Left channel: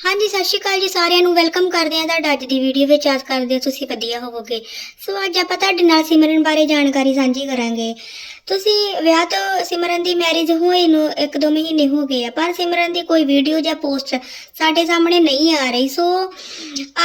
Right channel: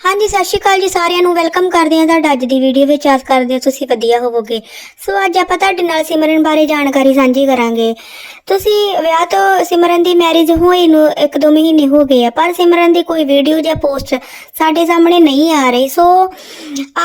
ਹਾਂਜੀ, ਸਤਿ ਸ਼੍ਰੀ ਅਕਾਲ ਜੀ ਸਾਰਿਆਂ ਨੂੰ। ਵੈਲਕਮ ਕਰਦੇ ਹਾਂ ਤੁਹਾਡਾ ਅੱਜ ਦੀ ਵੀਡੀਓ ਵਿੱਚ। ਆਸ ਕਰਦੇ ਹਾਂ ਤੁਸੀਂ ਵਧੀਆ ਹੋਵੋਗੇ। ਸੋ ਅੱਜ ਆਪਾਂ ਤੁਹਾਡੇ ਨਾਲ ਸਿਮਰਨ ਬਾਰੇ ਜਾਣਕਾਰੀ ਸਾਂਝੀ ਕਰਾਂਗੇ। ਤੁਸੀਂ ਵਿਆਹ ਤੋਂ ਸਿਮਰਨ ਦੀ ਮੈਰਿਜ ਹੋਈ ਨੂੰ 1-2 ਮਹੀਨੇ ਹੋ ਗਏ ਆ, ਪਰ ਸਿਮਰਨ ਦੀ ਕੋਈ ਵੀਡੀਓ ਜਾਂ ਪੋਸਟ ਸਾਡੇ ਸਾਹਮਣੇ ਨਹੀਂ ਆ ਰਹੀ। ਸੋ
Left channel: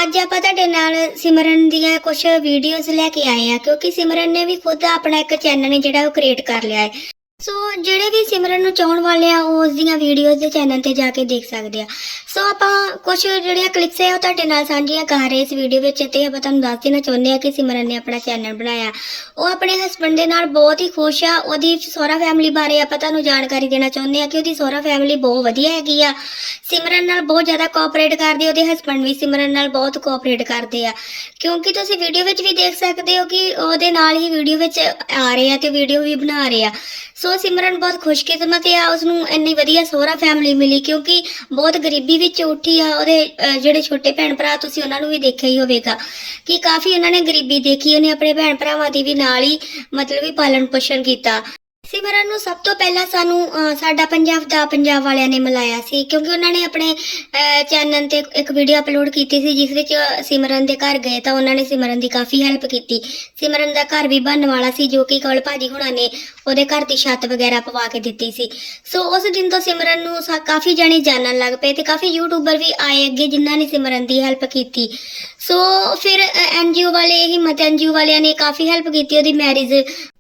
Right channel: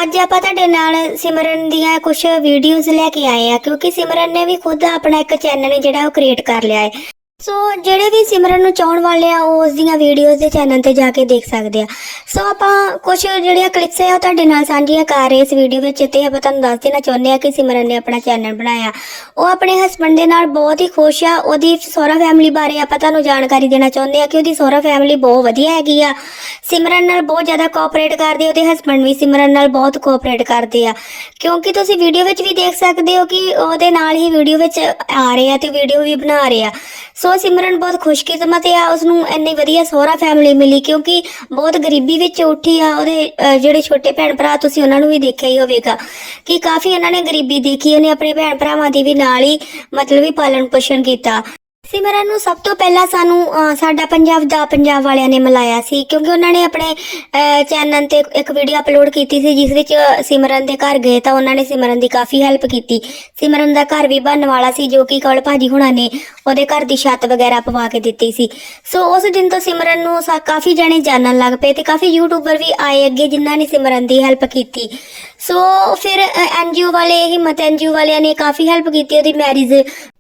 ਅੱਜ ਆਪਾਂ ਤੁਹਾਡੇ ਨਾਲ ਸਿਮਰਨ ਦੀਆਂ ਕੁਝ ਵੀਡੀਓਜ਼ ਲੈ ਕੇ ਆਏ ਆ, ਕਿਉਂਕਿ ਸਿਮਰਨ ਨੇ ਵੀ ਖੁਦ ਆਪਣਾ ਇੱਕ ਚੈਨਲ ਜਿਹੜਾ ਉਹ ਕ੍ਰੀਏਟ ਕਰ ਲਿਆ ਹੈ। ਸੋ ਜਿਹੜੇ ਵੀ ਸਿਮਰਨ ਨੂੰ ਚਾਹਣ ਵਾਲੇ ਆ, ਉਹ ਉਸ ਦੀਆਂ ਵੀਡੀਓਜ਼ ਦੇ ਚੈਨਲ ਤੇ ਜਾ ਕੇ ਦੇਖ ਸਕਦੇ ਆ। ਸੋ ਆਪਾਂ ਕੁਝ ਜਿਹੜੀਆਂ ਕਲਿੱਪਸ ਹੈ ਉਹ ਤੁਹਾਡੇ ਨਾਲ ਸਾਂਝੀਆਂ ਕਰ ਰਹੇ ਇਸ ਵੀਡੀਓ ਵਿੱਚ, ਤੇ ਆਪਾਂ ਤੁਹਾਨੂੰ ਦੱਸ ਦੇਣਾ ਚਾਹੁੰਦੇ ਆ ਕਿ ਸਿਮਰਨ ਨੇ ਆਪਣਾ ਚੈਨਲ ਬਣਾਇਆ। ਉਹ ਆਪਣੇ ਹਸਬੰਡ ਦੇ ਨਾਲ ਬਹੁਤ ਹੀ ਖੁਸ਼ ਆ। ਉਹਦੀ ਸਹੁਰਾ ਫੈਮਿਲੀ ਬਾਰੇ ਆਪਾਂ ਤੁਹਾਨੂੰ ਜਾਣਕਾਰੀ ਦੇਣਾ ਚਾਹੁੰਦੇ ਆ ਕਿ ਉਹਦੀ ਸਹੁਰਾ ਫੈਮਿਲੀ ਬਹੁਤ ਵਧੀਆ ਹੈਗੀ ਆ। ਸਿਮਰਨ ਨਾਲ ਬਹੁਤ ਜ਼ਿਆਦਾ ਕੋਆਪਰੇਟ ਕਰਦੇ ਉਹਦੇ ਹਸਬੰਡ ਵੀ ਸਿਮਰਨ ਨਾਲ ਬਹੁਤ ਕੋਆਪਰੇਟ ਕਰਦੇ ਆ। ਕਿਉਂਕਿ ਤੁਸੀਂ ਵੀਡੀਓ ਵਿੱਚ ਵੀ ਦੇਖ ਸਕਦੇ ਹੋ ਕਿ ਉਹਦੇ ਨਾਲ ਹੀ ਵੀਡੀਓ ਵਿੱਚ ਆ ਰਹੇ ਆ ਤੇ ਵੀਡੀਓ ਵੀ ਬਣਾ ਰਹੇ ਆ। ਸੋ ਸਿਮਰਨ ਬਹੁਤ ਖੁਸ਼ਕਿਸਮਤ ਆ ਉਸ ਨੂੰ ਇੰਨੀ ਵਧੀਆ ਸਹੁਰਾ ਫੈਮਿਲੀ ਮਿਲੀ ਕਿਉਂਕਿ ਬਹੁਤ ਗਰੀਬੀ ਵਿੱਚ ਉੱਠੀ ਆ ਉਹਦੇ ਅਹ, ਜਿਹੜੇ ਛੋਟੇ ਭੈਣ ਭਰਾ ਤੁਸੀਂ ਉਹਨਾਂ ਨੂੰ ਵੀ ਦੇਖਿਆ ਹੀ ਹੋਵੇਗਾ ਕਿ ਕਾਫੀ ਉਹਨਾਂ ਨੇ ਗਰੀਬੀ ਦੇਖੀ ਉਹਨੇ ਆਪਣੇ ਭੈਣ ਭਰਾਵਾਂ ਦੇ ਵੀ ਨਾਲ ਹੀ ਮਤਲਬ ਵੀ ਪਾਲਣ ਪੋਸ਼ਣ ਕੀਤਾ। ਸਿਮਰਨ ਨੂੰ ਸਭ ਤੋਂ ਪਹਿਲਾਂ ਸਾਨੂੰ ਸਾਡਾ ਪੰਜਾਬ ਦਾ ਪੰਜਾਬ ਵਾਲਿਆਂ ਨੇ ਮਿਲਾਇਆ ਸੀ, ਕਿਉਂਕਿ ਉਹਨਾਂ ਨੇ ਆਪਣੇ ਚੈਨਲ ਤੇ ਇੱਕ ਵੀਡੀਓ ਅਪਲੋਡ ਕੀਤੀ ਸੀ, ਜਿਸ ਵਿੱਚ ਸਿਮਰਨ ਦੇ ਘਰ ਗਏ ਤਾਂ ਉਹਨਾਂ ਨੇ ਸਿਮਰਨ ਦੀ ਕਾਫੀ ਹੈਲਪ ਕੀਤੀ। ਸਿਮਰਨ ਦਾ ਘਰ ਵੀ ਬਣਨ ਵਾਲਾ ਸੀ, ਜੋ ਕਿ ਕੌਲ ਭਾਜੀ ਹੁਣਾਂ ਨੇ ਉਹਦੇ ਘਰ ਦੀ ਛੱਤ ਵਗੈਰਾ ਪਵਾ ਕੇ ਦਿੱਤੀ ਸੀ। ਸੋ ਉਸ ਦਿਨ ਤੋਂ ਸਿਮਰਨ ਨੂੰ ਸਾ, ਕਾਫੀ ਜਣੇ ਜਾਣਨ ਲੱਗ ਪਏ ਤੇ ਕਾਫੀ ਯੂਟਿਊਬਰ ਵੀ ਆਏ ਅੱਗੇ, ਜਿਨ੍ਹਾਂ ਨੇ ਸਿਮਰਨ ਦੀ ਹੈਲਪ ਕੀਤੀ। ਸੋ ਫਿਰ ਐਨਜੀਓ ਵਾਲੇ, ਹਿੰਮਤ ਐਨਜੀਓ ਵਾਲਿਆਂ ਨੇ ਕਾਫੀ ਹੈਲਪ ਕੀਤੀ, ਉਹਦੀ ਮੈਰਿਜ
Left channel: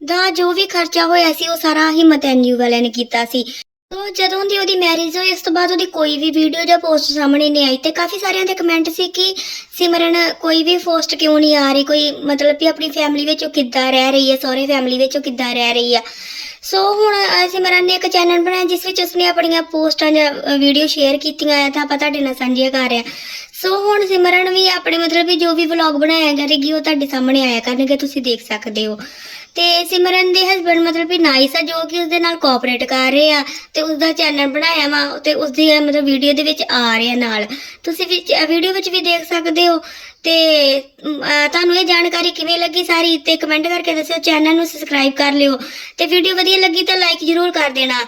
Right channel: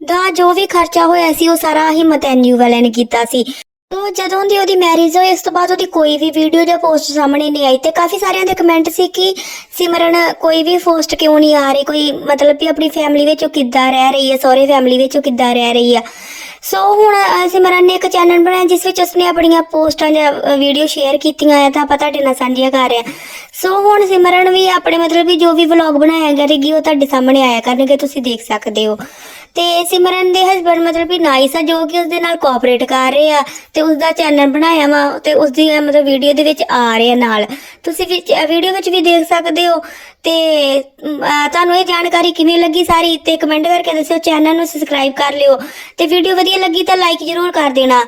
ਦਾ ਜੋ ਵੀ ਖਰਚਾ ਹੋਇਆ ਸੀ, ਉਹ ਸਾਰਾ ਹਿੰਮਤ ਐਨਜੀਓ ਵਾਲਿਆਂ ਨੇ ਕੀਤਾ ਸੀ। ਤੋ ਜਦੋਂ ਦੀ ਉਹਦੀ ਮੈਰਿਜ ਹੋਈ ਇਸ ਤੋਂ ਬਾਅਦ ਉਹਦੀ ਕੋਈ ਵੀ ਵੀਡੀਓ ਜਾਂ ਪੋਸਟ ਸਾਹਮਣੇ ਨਹੀਂ ਆਈ ਤੇ ਕਾਫੀ ਸਾਰਿਆਂ ਦੇ ਕਮੈਂਟ ਸੀ ਕਿ ਸਿਮਰਨ ਕੋਈ ਵੀ ਪੋਸਟ ਕਿਉਂ ਨਹੀਂ ਆ ਰਹੀ? ਕੋਈ ਮਤਲਬ ਕਿ ਆਪਣੀ ਫੈਮਿਲੀ ਵਿੱਚ ਉਹ ਕਿੱਦਾਂ ਰਹਿ ਰਹੀ ਹੈ? ਸਹੁਰੇ ਫੈਮਿਲੀ ਵਿੱਚ ਉਹ ਕਿੱਦਾਂ ਰਹਿ ਰਹੀ ਆ? ਸੋ ਹੁਣ ਸਿਮਰਨ ਨੇ ਇੱਕ ਚੈਨਲ ਬਣਾਇਆ, ਜਿਸ ਵਿੱਚ ਉਸਨੇ ਆਪਣੀਆਂ ਪੋਸਟਾਂ ਜਾਂ ਵੀਡੀਓ ਸ਼ੇਅਰ ਕੀਤੀਆਂ ਆ, ਤਾਂ ਆਪਾਂ ਤੁਹਾਡੇ ਨਾਲ ਸਾਂਝੀਆਂ ਕਰ ਰਹੇ ਹਾਂ। ਸੋ ਹੁਣ ਸਿਮਰਨ ਵੀ ਆਪਣੇ ਮਤਲਬ ਵੀ ਜੋ ਵੀ ਵਲੌਗ ਬਣਾਇਆ ਕਰੇਗੀ, ਉਹ ਤੁਹਾਡੇ ਸਾਹਮਣੇ ਆਇਆ ਕਰਨਗੇ, ਤੁਸੀਂ ਦੇਖ ਸਕਦੇ ਹੋ। ਤੇ ਸਿਮਰਨ ਦੇ ਹਸਬੰਡ ਮਤਲਬ ਵੀ ਨਾਈਸ ਆ ਜੋ ਕਿ ਉਸਦੇ ਨਾਲ ਕੋਆਪਰੇਟ ਕਰ ਰਹੇ ਆ ਤੇ ਉਸਦਾ ਚੈਨਲ ਬਣਾਇਆ ਵਾ ਤੇ ਉਸਦੀ ਅ, ਮਤਲਬ ਵੀਡੀਓ ਦੇ ਵਿੱਚ ਆ ਰਹੇ ਆ ਨਾਲ। ਤੁਸੀਂ ਵਿੱਚ ਵੀਡੀਓ ਵਿੱਚ ਵੀ ਦੇਖ ਸਕਦੇ ਹੋ ਤੇ ਅਮ, ਤੁਹਾਨੂੰ ਇਹ ਜਾਣਕਾਰੀ ਕਿਵੇਂ ਲੱਗੀ ਸਾਰੀ ਤੇ ਕਮੈਂਟ ਕਰਕੇ ਦੱਸਿਓ ਚੈਨਲ ਨੂੰ ਸਬਸਕ੍ਰਾਈਬ ਕਰ ਲਿਓ ਤੇ ਵੀਡੀਓ ਵਧੀਆ ਲੱਗੀ ਤਾਂ ਲਾਈਕ ਜ਼ਰੂਰ ਕਰ ਦੇਣਾ।